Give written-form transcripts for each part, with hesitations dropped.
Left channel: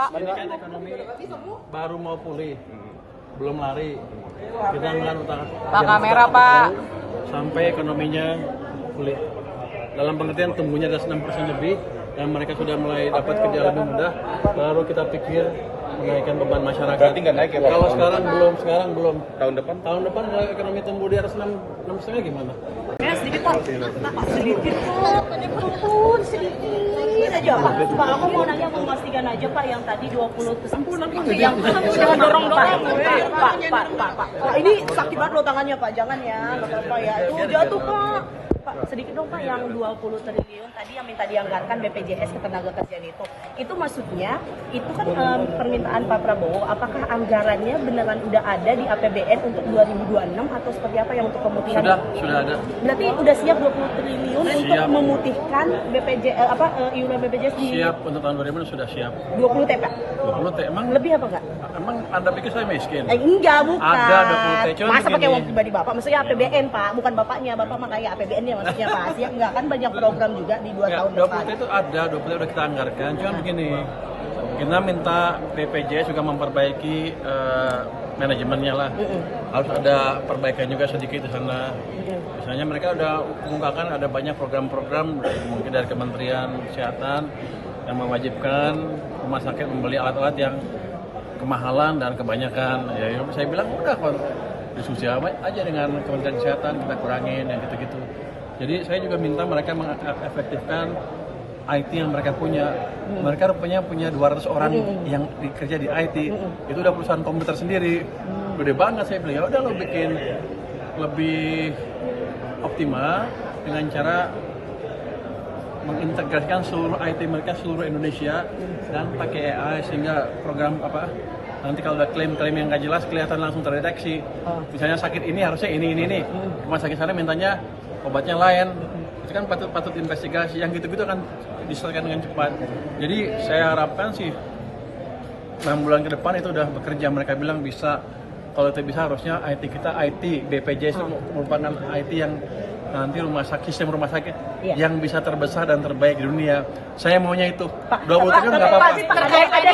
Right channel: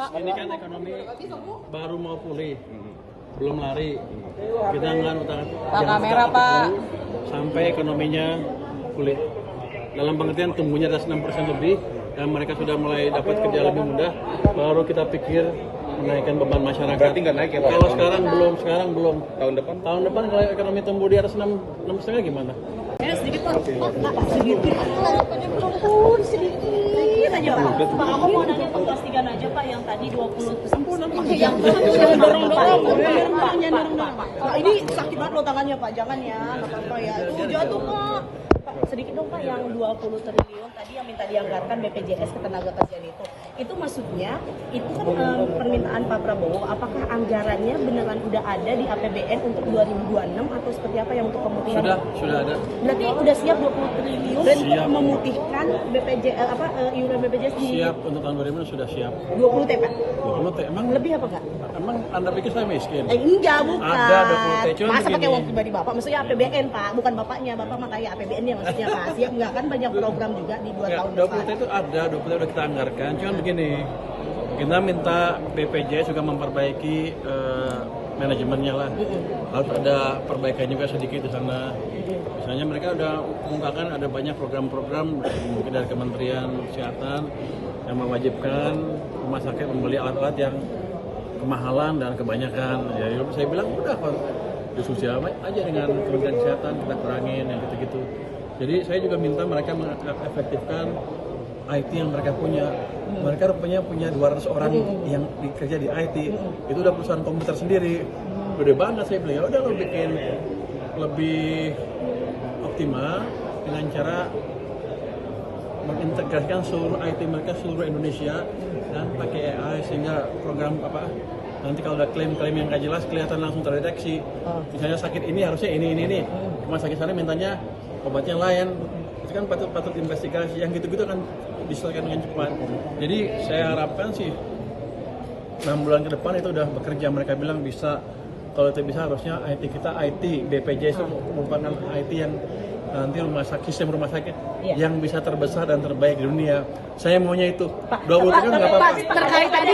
Pak. Ini kan ekonomi baru mau pulih, belum lari. Kita nggak utara. Pak kamera Pak. Sampai ekonominya pulih. Dalam pengertian tumbuhnya ada 6% lebih dan mereka sudah mulai dapat kerja lebih mudah, baru kita pikir menaikkan beban masyarakat. Berarti nggak naik ya? Kalau sekarang belum. Tahun depan? Tahun depan kalau ekonomi tumbuh di atas 6,5 gimana? Ya sedikit Pak. Sedikit aja. Pak, aku mau nanya memastikan aja Pak yang tadi 20 kesimpulan yang dorong. Pak, ini sakit banget loh tangannya Pak, jangan ya. Pak ya, itu jatuh Pak. Pak, sedikit dong Pak, yang 20 triliun tadi yang minta dianggarkan BPJS Ketenagakerjaan itu maksudnya itu kan permintaan Pak Prabowo, apakah anggarannya beneran udah ada di APBN untuk 2026 atau seperti apa yang untuk pemutihan? Sudah ada. Berarti udah siap 20 triliun untuk memutihkan iuran BPJS di Siap untuk tahun 2000 sudah siap. 20 T Pak? 20 T emang Lebih apa enggak? Anda pikir saya miskin? Enggak, bukan. Ada 20 T. Cuma masa pakai begini. uang pribadi Bapak? Maksudnya APBN Pak, bukan Bapaknya. Bapak mah kayak APBN-nya maksudnya Pak. Siap enggak? Kan banyak program juga di 2 tahun 20 depan. T itu ada, 20 T udah kita anggarkan. Cuma begini, kita minta BPJS juga memperbaiki manajemennya lah. Harus ada perbaikan juga sedikit di sana. Misalnya mereka udah mengungkapkan ada banyak program-program mungkin dari Kementerian Kesehatan yang mewajibkan rumah sakit membeli alat-alat yang kemahalan dan kebanyakan. Ya saya bilang udah kok diskusi aja dengan Kementerian Kesehatan, kita kurangin yang gitu-gitu. Jadi saya juga minta mereka mengefektifkan IT yang mereka punya. Mereka rupanya punya 200 orang yang bekerja di IT. Itu udah perusahaan komputer sendiri. Gede banget saya bilang, ya udah lo bikin lebih optimal dengan cara mengintegrasikan seluruh IT mereka seluruh Indonesia dan pakai AI sehingga program nanti kalau ada klaim-klaim yang nggak jelas kelihatan langsung terdeteksi. Misalnya sakit ini harusnya ini. Cuma sakit sana mintanya obatnya lain. Itu kan patut investigasi. Yang gitu-gitu akan diselesaikan dengan cepat. Jadi saya harapkan sih 6 bulan ke depan itu udah bekerja. Mereka bilang bisa. Kalau itu bisa harusnya IT kita BPJS itu merupakan IT yang nanti sistem rumah sakit yang bisa terbesar dan terbaik di dunia. Saya maunya itu. 20 triliun nggak apa-apa. Terkait tadi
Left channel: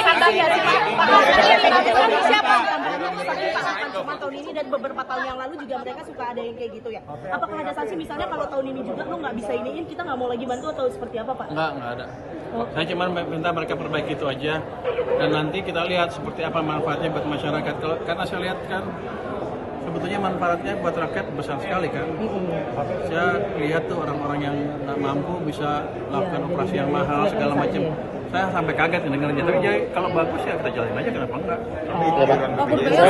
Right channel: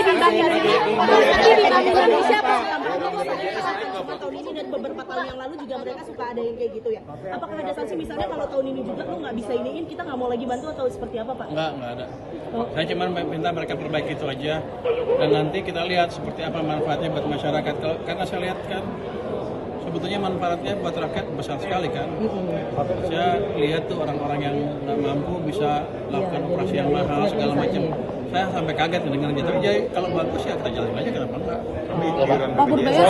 tahun ini dan beberapa tahun yang lalu juga mereka suka ada yang kayak gitu ya. Apakah ada sanksi misalnya kalau tahun ini juga lo nggak bisa iniin, kita nggak mau lagi bantu atau seperti apa Pak? Nggak ada. Saya cuma minta mereka perbaiki itu aja. Dan nanti kita lihat seperti apa manfaatnya buat masyarakat. Karena saya lihat kan sebetulnya manfaatnya buat rakyat besar sekali kan. Saya lihat tuh orang-orang yang nggak mampu bisa lakukan operasi yang mahal segala macam. Saya sampai kaget mendengarnya. Tapi kalau bagus ya kita jalanin aja, kenapa enggak? Pak berbayar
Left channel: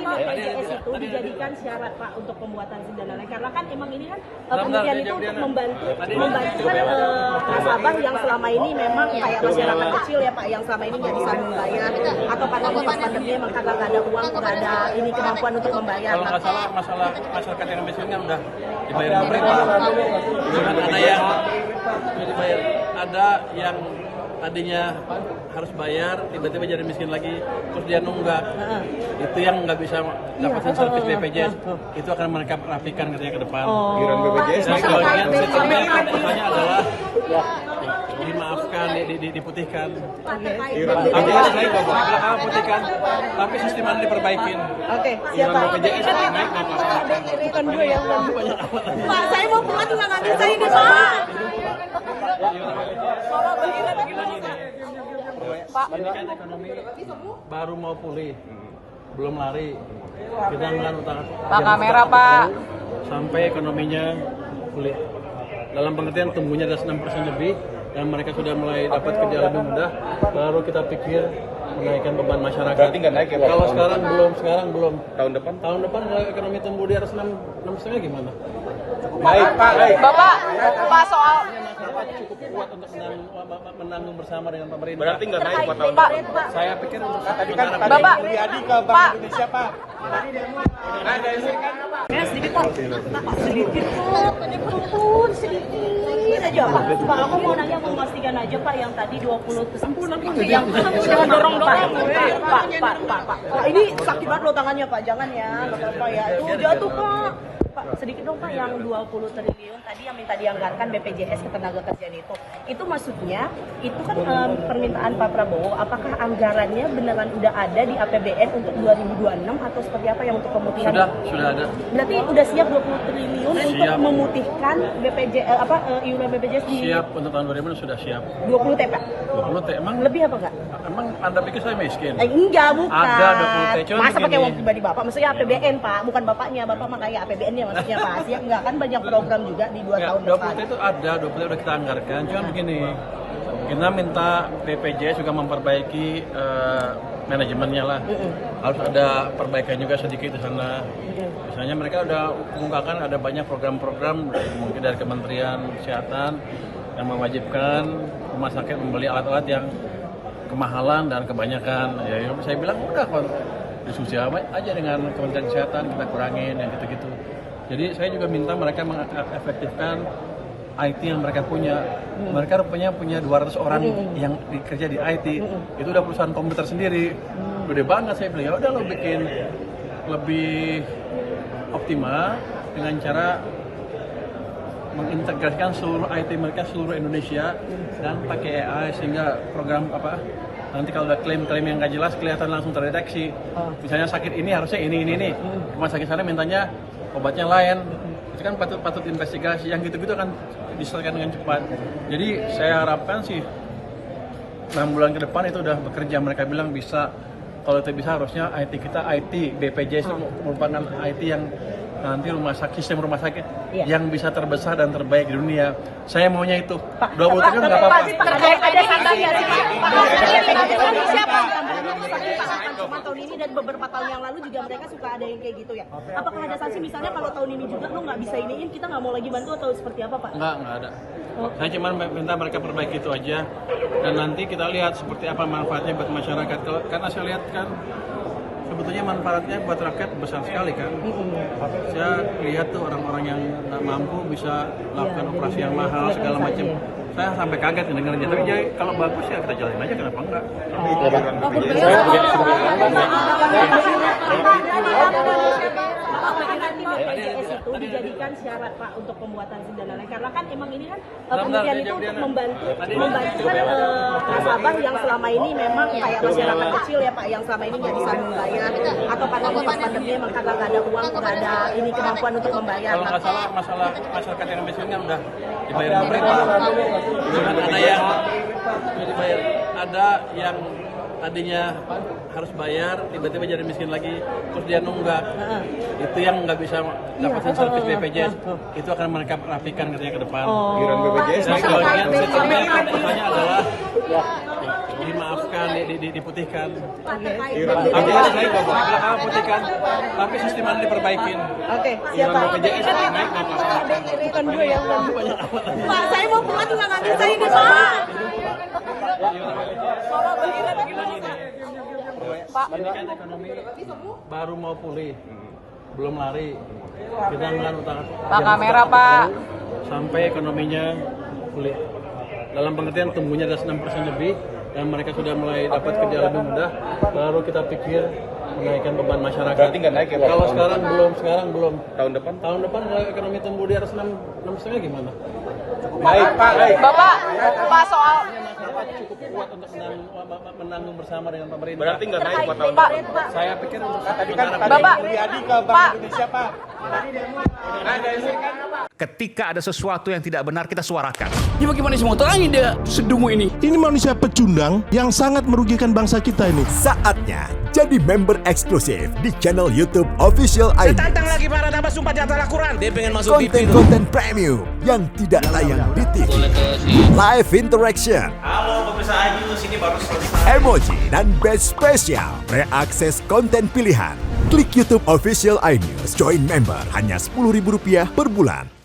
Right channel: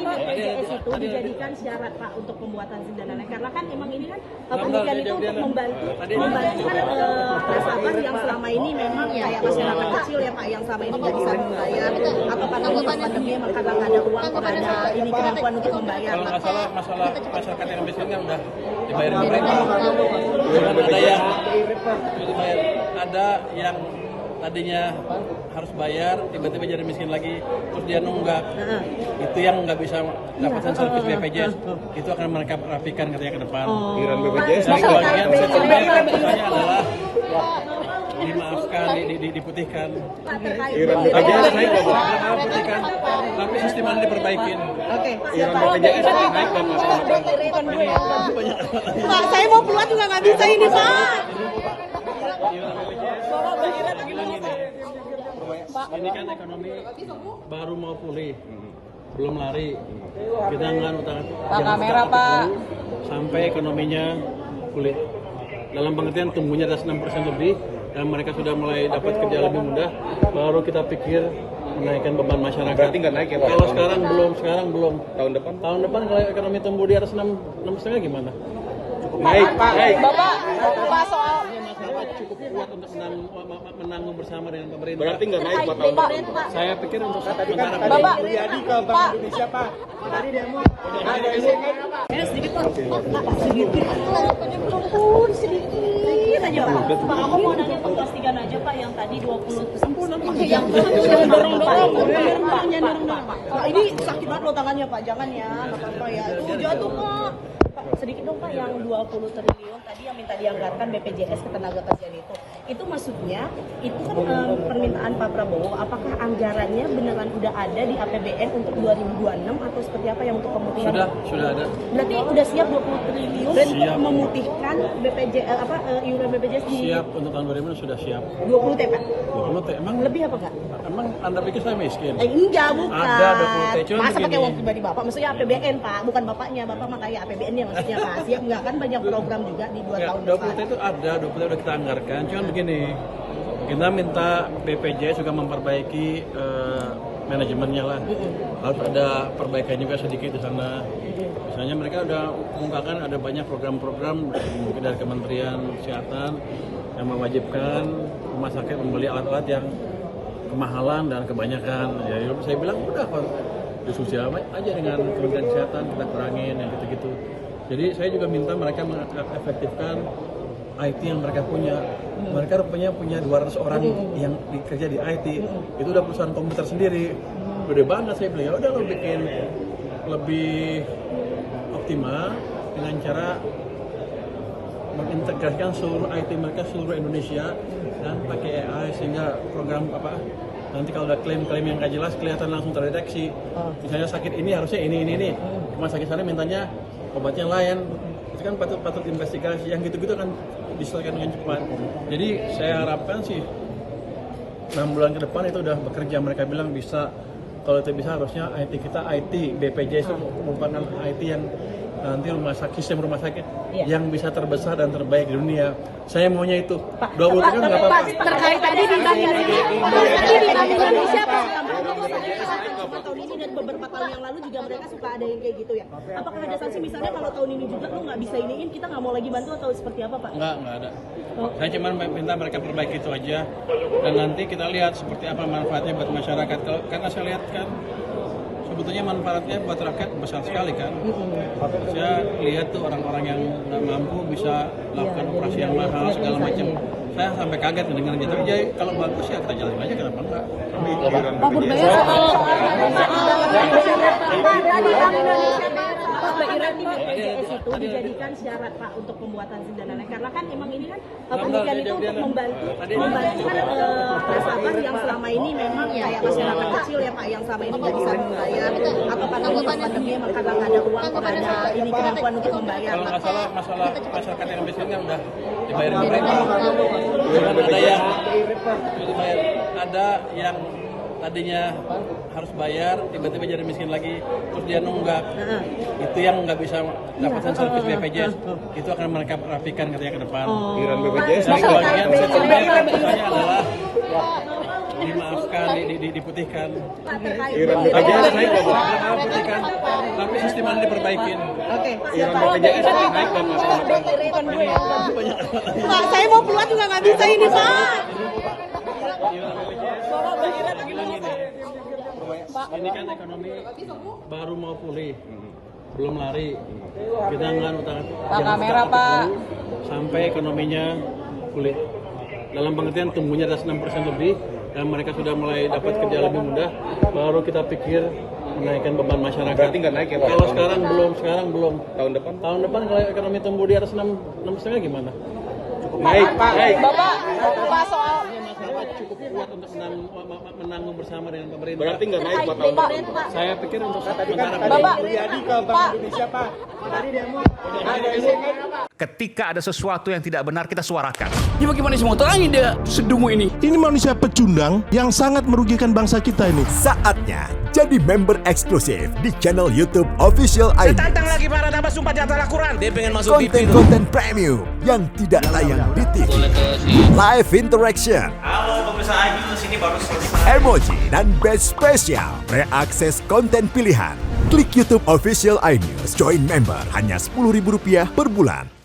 BPJS itu dijadikan syarat Pak untuk pembuatan sindananya karena kan emang ini kan pemilihan itu untuk membantu nasabah yang selama ini memang kayak masyarakat kecil ya Pak yang selama ini nggak bisa membayar atau karena ini pandemi emang karena nggak ada uang nggak ada ini kemampuan untuk membayar. Kalau nggak salah masalah masyarakat yang biasanya udah dibayar pemerintah. Ada yang tadinya harus bayar, tiba-tiba jadi miskin lagi, terus dia nunggak. Itu yang nggak bisa dapetin servis BPJS. Itu akan mereka rapikan katanya ke depan. Iuran BPJS adalah dimaafkan, diputihkan. Iuran BPJS naik nggak Bu? Putihkan, tapi mesti nanti perbaikin. Oke. Iuran BPJS naik Pak, saya mau pulang juga nggak bisa ini Pak. Pak. Ini kan ekonomi baru mau pulih, belum lari. Kita nggak utara. Pak kamera Pak. Sampai ekonominya pulih. Dalam pengertian tumbuhnya ada 6% lebih dan mereka sudah mulai dapat kerja lebih mudah, baru kita pikir menaikkan beban masyarakat. Berarti nggak naik ya? Kalau sekarang belum. Tahun depan? Tahun depan kalau ekonomi tumbuh di atas 6,5 gimana? Naik. Bapak soal Masyarakat cukup kuat untuk menanggung bersama dengan pemerintah. Berarti nggak naik buat tahun depan? Saya pikir untuk Tadi kan Bapak Mulyadi ke Bank Indonesia Pak. ya sedikit Pak. Sedikit aja. Pak, aku mau nanya memastikan aja Pak yang tadi 20 kesimpulan yang dorong. Pak, ini sakit banget loh tangannya Pak, jangan ya. Pak ya, itu jatuh Pak. Pak, sedikit dong Pak, yang 20 triliun tadi yang minta dianggarkan BPJS Ketenagakerjaan itu maksudnya itu kan permintaan Pak Prabowo, apakah anggarannya beneran udah ada di APBN untuk 2026 atau seperti apa yang untuk pemutihan? Sudah ada. Berarti udah siap 20 triliun untuk Siap. memutihkan iuran BPJS di Siap untuk tahun 2000 sudah siap. 20 T Pak? 20 T emang Lebih apa enggak? Anda pikir saya miskin? Enggak, bukan. Ada 20 T, cuma Masa pakai begini. uang pribadi Bapak? Maksudnya APBN Pak, bukan Bapaknya. Bapak mah kayak APBN-nya maksudnya Pak. Siap enggak? Kan banyak program juga di 2 tahun 20 depan. T itu ada, 20 T udah kita anggarkan. Cuma begini, kita minta BPJS juga memperbaiki manajemennya lah. Harus ada perbaikan juga sedikit di sana. Misalnya mereka udah mengungkapkan ada banyak program-program mungkin dari Kementerian Kesehatan yang mewajibkan rumah sakit membeli alat-alat yang kemahalan dan kebanyakan. Ya saya bilang udah kok diskusi aja dengan Kementerian Kesehatan, kita kurangin yang gitu-gitu. Jadi saya juga minta mereka mengefektifkan IT yang mereka punya. Mereka rupanya punya 200 orang yang bekerja di IT. Itu udah perusahaan komputer sendiri. Gede banget, saya bilang ya udah lo bikin lebih optimal dengan cara mengintegrasikan seluruh IT mereka seluruh Indonesia dan pakai AI sehingga program nanti kalau ada klaim-klaim yang nggak jelas kelihatan langsung terdeteksi. Misalnya sakit ini harusnya ini. Cuma sakit sana mintanya obatnya lain. Itu kan patut investigasi. Yang gitu-gitu akan diselesaikan dengan cepat. Jadi saya harapkan sih 6 bulan ke depan itu udah bekerja. Mereka bilang bisa. Kalau itu bisa harusnya IT kita BPJS itu merupakan IT yang nanti sistem rumah sakit yang bisa terbesar dan terbaik di dunia. Saya maunya itu. 20 triliun nggak apa-apa. Terkait tadi siapa? Tahun ini dan beberapa tahun yang lalu juga mereka suka ada yang kayak gitu ya. Apakah ada sanksi misalnya kalau tahun ini juga lo nggak bisa iniin, kita nggak mau lagi bantu atau seperti apa Pak? Nggak ada. Saya cuma minta mereka perbaiki itu aja. Dan nanti kita lihat seperti apa manfaatnya buat masyarakat. Karena saya lihat kan sebetulnya manfaatnya buat rakyat besar sekali kan. Saya lihat tuh orang-orang yang nggak mampu bisa lakukan operasi yang mahal segala macam. Saya sampai kaget mendengarnya. Tapi jadi kalau bagus ya kita jalanin aja, kenapa enggak? Pak Burbaya soal Pak, berarti BPJS itu dijadikan syarat Pak untuk pembuatan sindananya karena kan emang ini kan pemilihan itu untuk membantu nasabah yang selama ini memang kayak masyarakat kecil ya Pak yang selama ini nggak bisa membayar atau karena ini pandemi emang karena nggak ada uang, nggak ada ini kemampuan untuk membayar. Kalau nggak salah masalah masyarakat yang misalnya udah dibayar mereka. Ada yang tadinya harus bayar, tiba-tiba jadi miskin lagi, terus dia nunggak. Itu yang nggak bisa dapetin servis BPJS. Itu akan mereka rapikan katanya ke depan. Iuran BPJS Pertanyaannya adalah dimaafkan, diputihkan. Iuran BPJS BPJS naik bakal putihkan, tapi sistem nanti perbaikin. Oke, Iuran BPJS naik Pak, saya mau pulang juga nggak bisa ini Pak. Pak, Ini kan ekonomi baru mau pulih, belum lari. Kita nggak utara. Pak, kamera, Pak. Sampai ekonominya pulih. Dalam pengertian tumbuhnya ada 6% lebih dan mereka sudah mulai dapat kerja lebih mudah, baru kita pikir menaikkan beban masyarakat. Berarti nggak naik ya Pak? Kalau sekarang belum. Tahun depan Tahun depan kalau ekonomi tumbuh di atas 6,5 gimana? naik. Bapak soal Masyarakat cukup kuat untuk menanggung bersama dengan pemerintah. Berarti nggak naik Pak tahun depan. Saya pikir untuk Tadi kan Bapak. Mulyadi ke Bank Indonesia Pak. Ketika ada sesuatu yang tidak benar, kita suarakan. Ya bagaimana semua terangin dia sedungu ini? Ini manusia pecundang yang sangat merugikan bangsa kita ini. Saatnya jadi member eksklusif di channel YouTube Official ID. Tantang lagi para tambah sumpah di atas Al-Quran. Dia pengen masuk TV. Konten-konten premium yang tidak tayang di TV. Live interaction. Halo pemirsa iNews, ini baru selesai. Emoji dan badge spesial. Reakses konten pilihan. Klik YouTube Official iNews. Join member hanya Rp10.000 per bulan.